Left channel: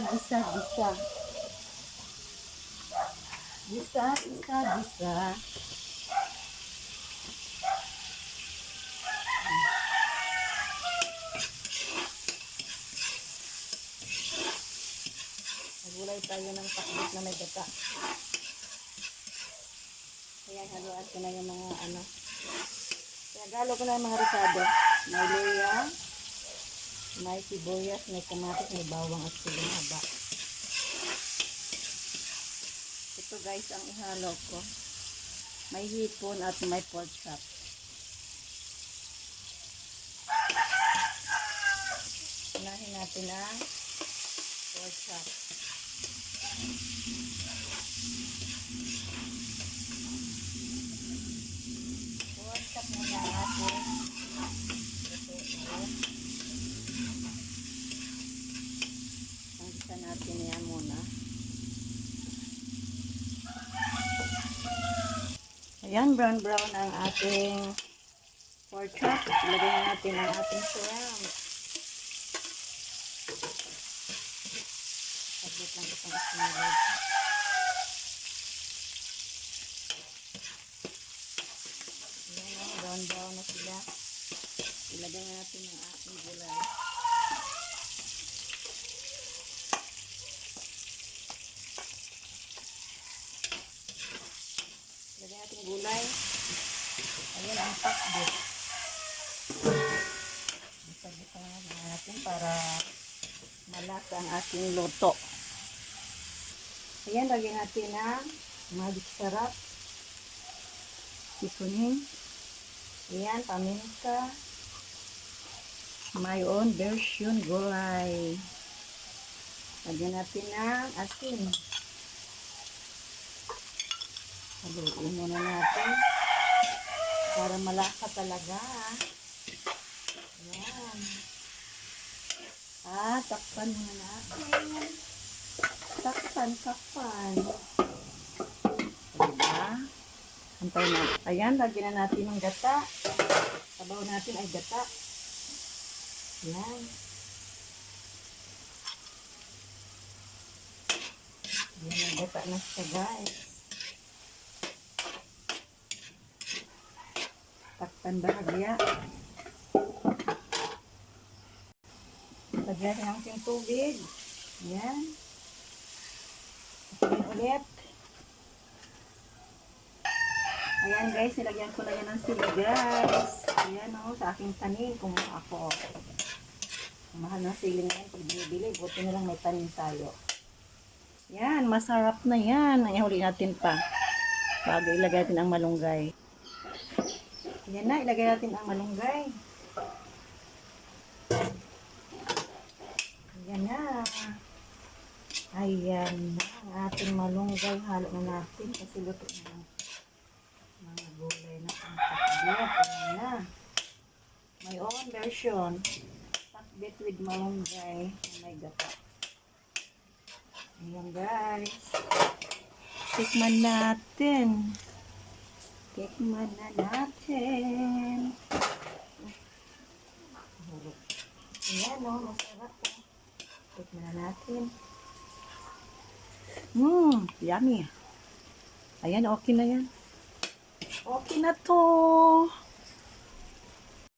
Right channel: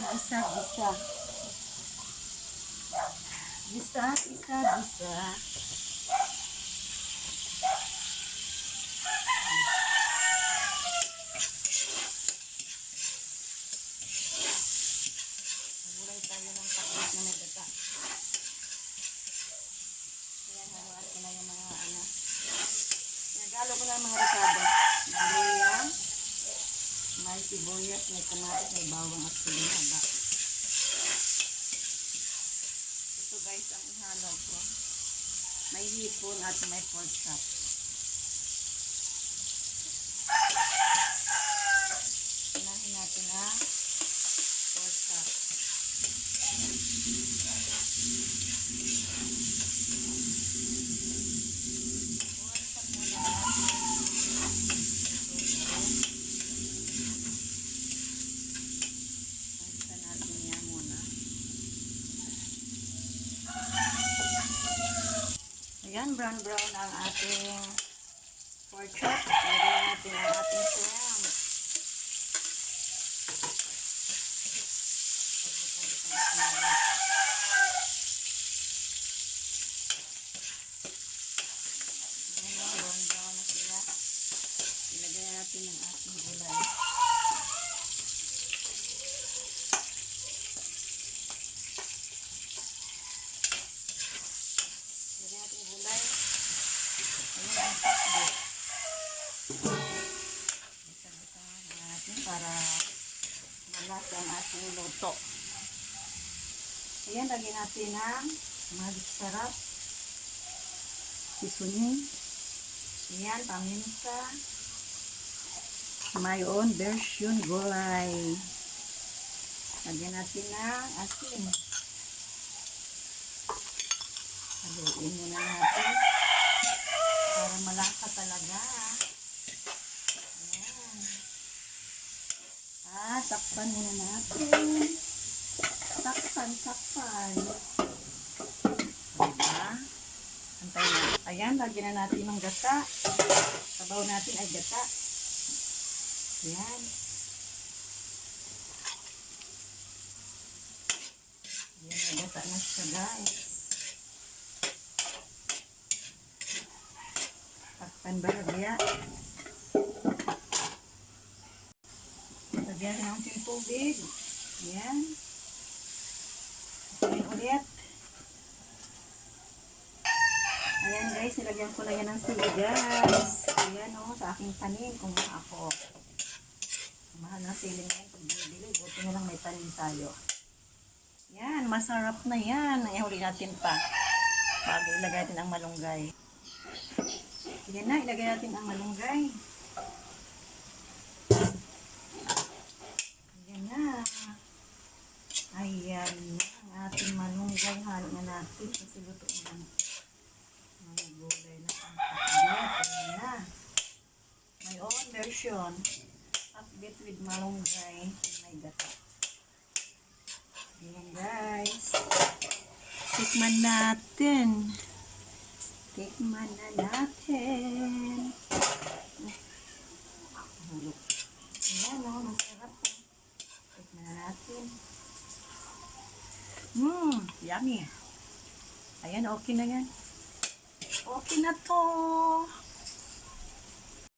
gisa, gisa, gisa. Gisa, gisa, gisa. Nagulay tayo ng takbit na may gata. Ayan, haluan ko na yung mga ano. Pinagalo ko na yung mga ricado. May luya, may sibuyas, may kamatis, may bawang at siling haba. Ito guys ang ihalo ko. May hipon at may pork chop. Unahin natin ang pork chop. Pork chop muna natin. Pangisa natin yan muna. Ayan, brown ang ating pork chop. Ilagay natin ang ating shrimp. Saglit lang itong sinulog. Ayan, brown na sila. Ilagay natin ang ating gulay. Ilagay natin gulay. Ayan ang takbit. Isagbitan natin para malasa ang ating luto. Ayan, lagyan natin ang magic sarap. Seasoning. Ayan, paminta. My own version gulay. Lagyan natin ang asin. Haluin muna natin para malasa talaga. Ayan. Takpan muna natin. Takpan. Diba? Antay na. Ayan, lagyan na natin ng gata. Sabaw natin ay gata. Ayan. Ayan, may gata na siya guys. Takpan bahagya. Lagyan natin ng tubig. Ayan. Ayan ulit. Ayan guys, nilagyan ko na yan ng sili guys. Ayan o, sa aking tanim kumuha ako. Mahal na sili ngayon pag binibili. Buti na lang may tanim tayo. Ayan, masarap na yan. Ihuli natin pa. Bago ilagay natin ang malunggay. Ayan na, ilagay natin ang malunggay. Ayan na. Ayan na ang ating malunggay. Halo na natin kasi luto na mga gulay na ang takbit. Ayan na. My own version. Takbit with malunggay. Oh my God. Ayan guys. Tikman natin. Tikman na natin. Ayan o, masarap o. Tikman na natin. Yummy. Ayan, okay na yan. Okay na to.